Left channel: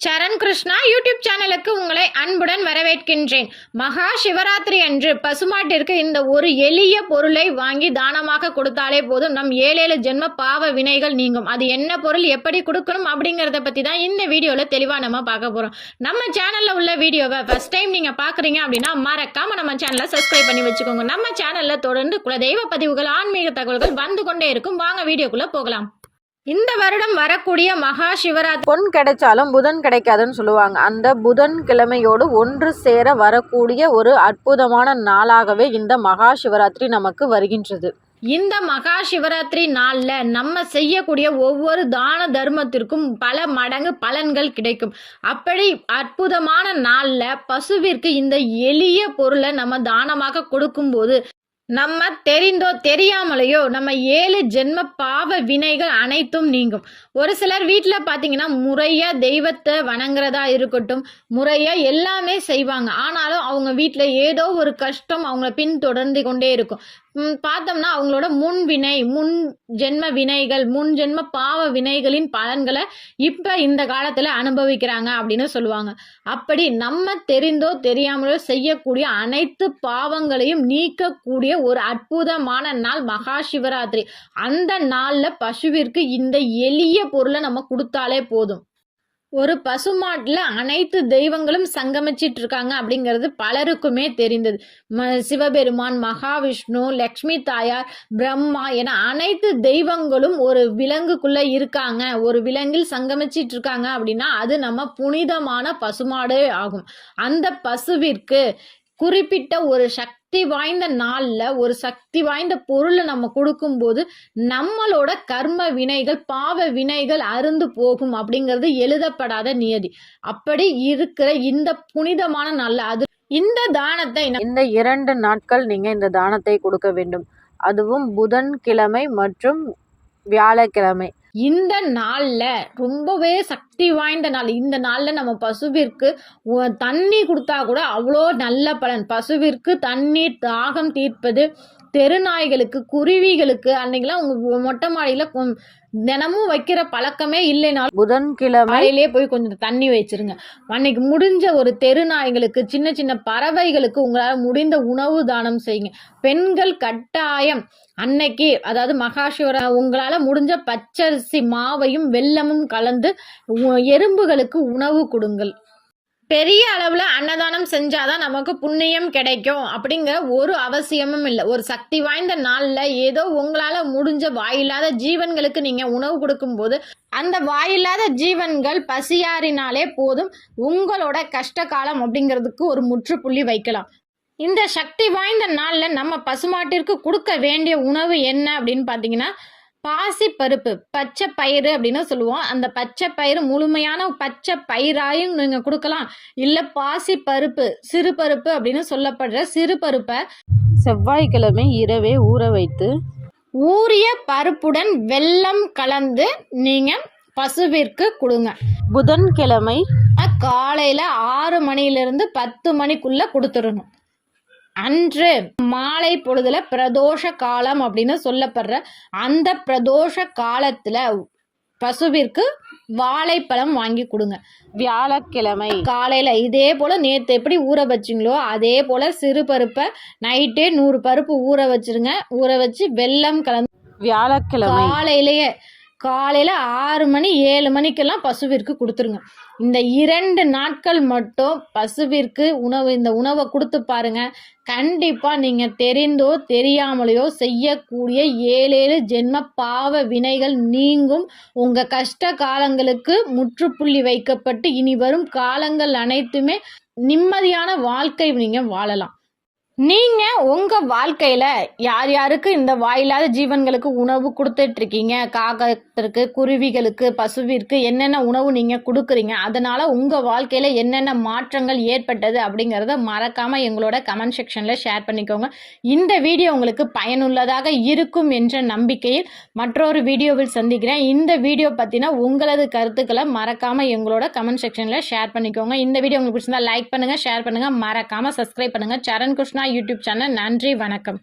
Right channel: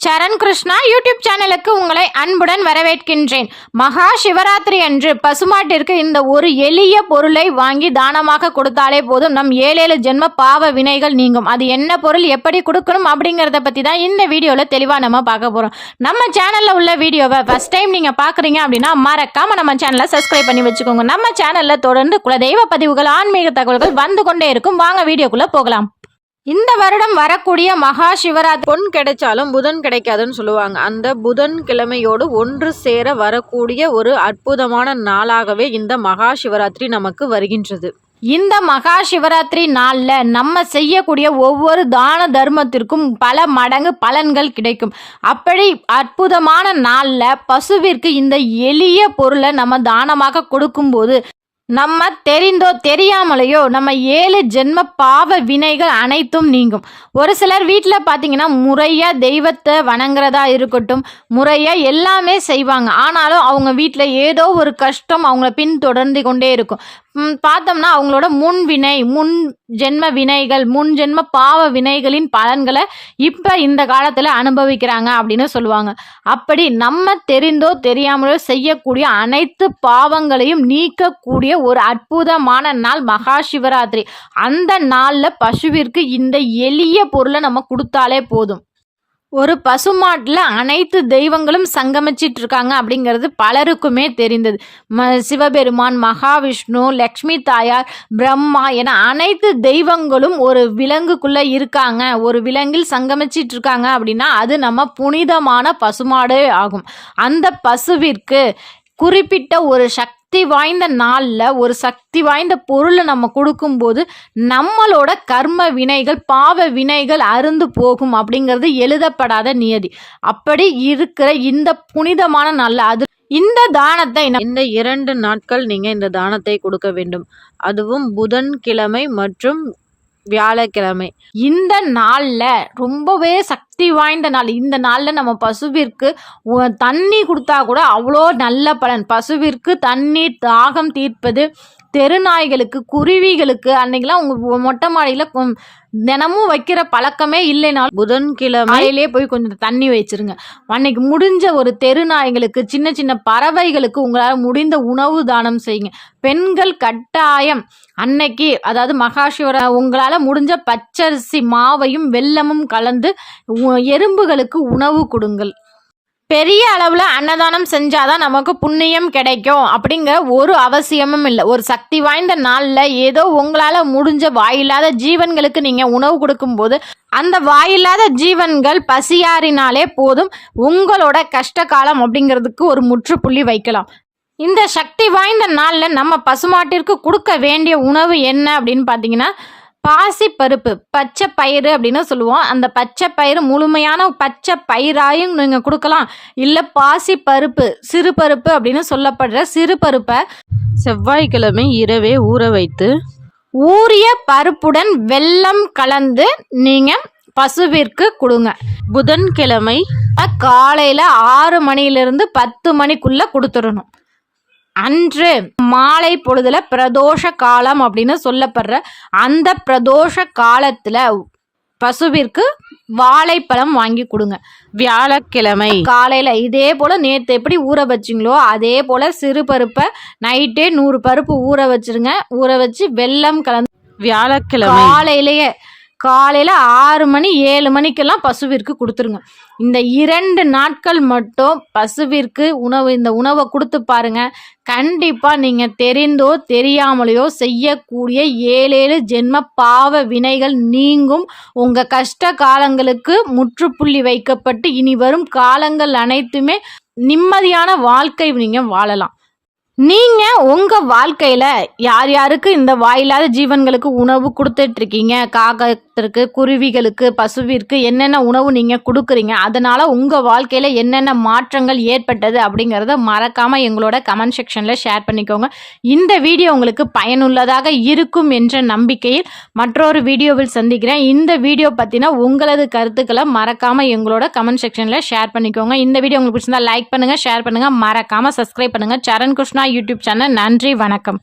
சரண் Krishna YouTube சேனலுக்கு உங்களை அன்புடன் வரவேற்கின்றேன். மகா சிவராத்திரி அன்று பசுமாட்டிற்கு இந்த ஒரு எளிய பொருளை வாங்கி தானமாக கொடுத்தாலே போதும், நம் 7 ஜென்ம பாவ வினைகள் நீங்கும். அது என்ன பொருள், எப்படி கொடுக்கணும் அப்படிங்கிறத பற்றி தான் இந்த வீடியோவில் தெளிவாக நம்ம பார்க்க போகிறோம். நம்ம சேனலில் உள்ள வீடியோவை ஃபஸ்ட் டைம் நீங்கள் பார்க்குறீங்க அப்படின்னா மறக்காமல் நம்ம சேனலை சப்ஸ்கிரைப் பண்ணி வச்சுக்கோங்க. நம்ம சேனலில் தொடர்ந்து குலதெய்வ பதிவுகள், ஆன்மீக தகவல்கள் வந்து கொண்டே இருக்கும். வாங்க வீடியோக்குள்ளே போகலாம். இந்த வருடம் வரக்கூடிய மகா சிவராத்திரி பொன் கிடைச்சாலும் புதன் கிடைக்காதுன்னு சொல்லுவாங்க. அந்த புதன் கிழமையோடு ஒன்று சேர வரக்கூடிய ஒரு அற்புதமான நாளாகவே இந்த மகா சிவராத்திரி நமக்கு வருகின்றது. இந்த மகா சிவராத்திரி நாளில் நம்ம செய்யக்கூடிய ஒவ்வொரு தான தர்மத்திற்கும் பல மடங்கு பலன்கள் கிடைக்கும். அப்படி அற்புதமான நாளில் பசுவிற்கு இந்த எளிய பொருளை நம்ம தானமாக கொடுக்கும்போது நம்ம தெரிந்தோ தெரியாமலையோ நம்ம 7 ஜென்ம பாவ வினைகள் அனைத்தும் நீங்கும். ஒரு சிலர் வீட்டில் பார்த்தீங்கன்னா முறையாக தெய்வத்தை வணங்குறதா இருக்கட்டும், முறையாக எல்லாமே செய்வாங்க. ஆனாலும் அவங்க வீட்டில் ஏதோ ஒரு கஷ்டம் அவங்கள பின்தொடர்ந்து கொண்டே இருக்கும். பார்த்தோம்னா அவங்களோட முன் ஜென்ம வினைகள், முன் ஜென்ம பாவ வினைகளின் பலன்களை இப்போ இந்த காலத்தில் அனுபவிக்கிறாங்க அப்படின்னு சொல்லுவாங்க. அப்படி நம்ம தெரிந்தோ தெரியாமலோ செய்யக்கூடிய அனைத்து பாவங்களையும் நீக்கக்கூடிய ஒரு அற்புதமான நாள் மகா சிவராத்திரி. அந்த நாளில் பசுவிற்கு இந்த எளிய பொருளை நம்ம கொடுத்தாலே போதும். ஒரு பசுமாட்டில் அனைத்து தெய்வங்களும் சங்கமிச்சிட்டு இருக்காங்க அப்படிங்கிறது பலருக்குமே தெரிந்தது. சிவபெருமான், மகாவிஷ்ணு, லக்ஷ்மி தாயார், பிரம்மா என அனைத்து தெய்வங்களும் ஒரு விலங்குக்குள்ளே இருக்காங்க, ஒரு விலங்கில் சங்கமிச்சிட்டு இருக்காங்க அப்படின்னா அது நம்ம புனிதமான பசுமாடே ஆகும். அந்த பசுவிற்கு குறிப்பிட்ட ஒரு சக்தி வாய்ந்த நாளில் ஒரு சக்தி வாய்ந்த பொருளை நம்ம கொடுக்கும்போது நம்மளோட கர்ம வினைகள், பாவ வினைகள் அருந்து போகும் அப்படிங்கிறது எழுதப்படாத நியதி. அப்படி இருக்கிற இந்த புனிதமான நாளில் அது இந்த தானத்தை இந்த 2 நாட்கள் நீங்கள் இந்த தானத்தை கொடுக்க வேண்டும். அதுவும் புதன்கிழமை மற்றும் வியாழக்கிழமை. இந்த நாளில் ரொம்பவே சக்தி வாய்ந்த நாள். இந்த நாளில் நம்ம பசுவிற்கு தண்ணி கொடுத்தா கூட அவ்வளோ நல்ல பலன். பசுவிற்கு தண்ணீர் தாகம் தீர்ப்பது, தெருநாய்களுக்கு, குருவிகளுக்கு அன்னைக்கெல்லாம் உங்கள் மொட்டை மாடியில் தினமும் வைக்கிற பழக்கமே இல்லைனாலும் புதன்கிழமையிலே போய் கொஞ்சம் தண்ணி வச்சிருங்க. அன்னைக்கு முடிஞ்ச ஒரு தெருநாய்களுக்கு, சின்ன சின்ன பறவைகளுக்கு உங்களால் முடிந்த உணவு தானம் செய்யுங்க. பெண்கள் கட்டாயம் அன்னைக்கு, அதாவது மகாசிவரா, உங்களால் முடிஞ்ச பச்சரிசி மாவையும் வெல்லமும் கலந்து எறும்புகளுக்கு உணவு கொடுங்கள். பெரிய அளவில் அன்னதானம் செஞ்சாதான் நமக்கு புண்ணியம் கிடைக்கும் அப்படிங்கிற ஒரு அவசியமும் இல்லை. ஒரு சக்தி வாய்ந்த நாளில் ஏதோ உங்களால் முடிஞ்ச வாயில்லாத ஜீவன்களுக்கு நீங்கள் உணவு கொடுக்கும்போது அந்த வாயில்லாத ஜீவன்கள் பசியாறினாலே போதும், உங்களோட கஷ்ட காலம் அப்படிங்கிறதுக்கு ஒரு முற்றுப்புள்ளி வைக்கலாம். இந்த சக்தி வாய்ந்த நாளில் நம்ம பசுமாட்டிற்கு கொடுக்க வேண்டிய உணவு என்ன அப்படின்னு பார்த்தீங்கன்னா, பாசி பருப்பு, பச்சை பயிறு அப்படின்னு சொல்லுவோம். அந்த பச்சை பயிறு முழுமையான பச்சை பயிராயும் நீங்கள் கொடுக்கலாம். இல்லை பாசி பருப்பு, சிறு பருப்பு அப்படின்னு சொல்லப்படுற சிறு பருப்பை செவ்வாய்க்கிழமை இரவே ஊற வைத்து ஊறிய பருப்புடன் வெல்லம் கலந்து நீங்கள் பசுவிற்கு கொடுங்க. புதன்கிழமை காலையில் 6 மணியிலிருந்து 10 மணிக்குள்ளே கொடுத்துடணும். அன்று மாலை பொழுதுல பிரதோஷ காலம் அப்படின்னு சொல்லப்படுற அந்த பிரதோஷ காலத்துல பசுவிற்கு வாழைப்பழம் வாங்கி கொடுங்க. வியாழக்கிழமை காலையில் இதே போல் நேற்று எப்படி ஊற வச்சிங்களோ அதே போல் சிறு பருப்பை நைட்டே 100 பருப்பு ஊற வச்சிருங்க. ஊற வச்சு வெல்லம் கலந்து வியாழக்கிழமை காலையில் 6 மணி 7 மணிக்கெல்லாம் பசுவிற்கு கொடுத்துருங்க. இந்த 2 நாட்கள் மட்டும் பசுவிற்கு இந்த உணவை கொடுத்து பாருங்க. கண்டிப்பாக நீங்கள் தெரிந்தோ தெரியாமலையோ செய்யக்கூடிய 7 ஜென்ம பாவ வினைகள் நீங்கும். உங்கள் கஷ்ட காலங்களுக்கு முற்றுப்புள்ளி வைக்கப்பட்டு இனி வரும் காலங்கள் அனைத்துமே நிம்மதியான வாழ்க்கை நீங்கள் வாழலாம். நீங்கள் உங்கள் வாழ்க்கையில் யார் யாருக்கு இந்த வாயில்லாத ஜீவன்களுக்கு உணவு கொடுத்துட்ருக்கீங்க, காகத்திற்கு, குருவிகளுக்கு, பசுவிற்கு என்னென்ன உணவு நீங்கள் கொடுக்குறீங்க, அதனால் உங்கள் வாழ்க்கையில் என்னென்ன மாற்றங்கள் ஏற்பட்டது அப்படிங்கிறத மறக்காமல் எங்களோட கமெண்ட் செக்ஷனில் ஷேர் பண்ணிக்கோங்க. இந்த வீடியோ உங்களுக்கு பயனுள்ளதாக இருக்கும் என்ற நம்பிக்கையில் மற்றொரு வீடியோவில் சந்திக்கிறேன். இந்த வீடியோ பற்றின உங்களது கருத்துக்களை மறக்காமல் எங்களோட கமெண்ட் செக்ஷனில் ஷேர் பண்ணிக்கோங்க. இந்த வீடியோ உங்களுக்கு பிடிச்சிருந்தா லைக் பண்ணுங்கள், ஷேர் பண்ணுங்கள், மறக்காமல் சப்ஸ்கிரைப் பண்ணுங்கள். சரண் கிருஷ்ணா யூடியூப் சேனல். நன்றி, வணக்கம்.